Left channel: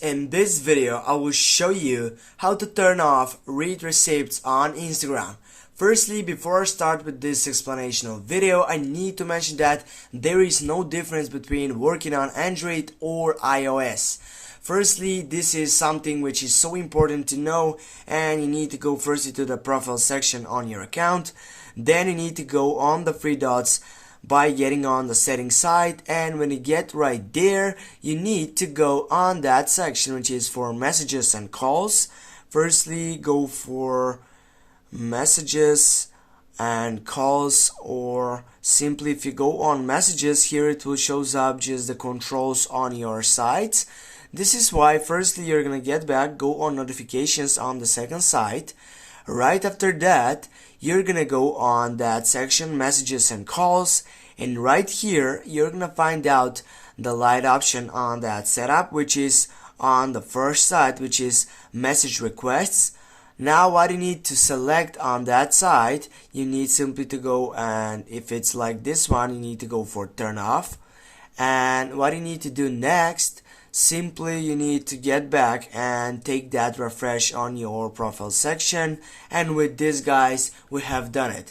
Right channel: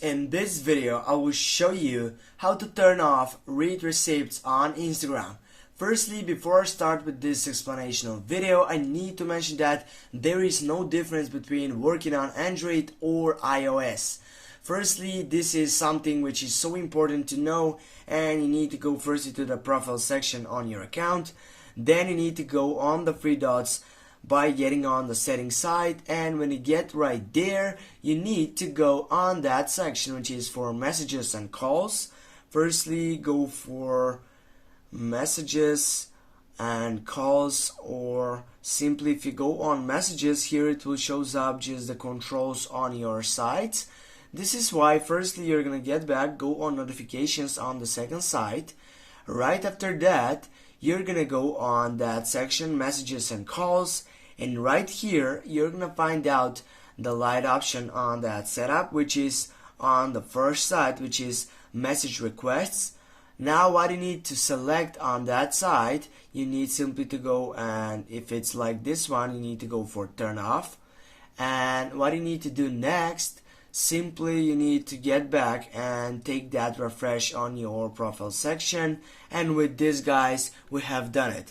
In this video, I will show you how to turn off read receipts on Instagram. Firstly, before I start with this explanational video, I need to mention that there is no difference between working on Android or iOS. Firstly, this is something which is so important to know, and you need to go first into the profile section on your account. Then you need to go on the three dots by getting on the settings side, and when you get right there, you need to go on that section which is for messages and calls. Firstly, go for messages and calls, or simply if you go on messages, here it will shows up just the controls on your side. This is why firstly you're gonna get back, go on notifications on the second side. Right after that, you're gonna go on that section messages and calls, and right here you're gonna find out the light option on that setup, which is on the first side, which is message requests. Now what you need to select on that side, you need simply to go, and if it's like this one, you need to go for turn off. And what you need to do next, simply you need to get back and take that refresh on your profile section, and with this guys we have done it.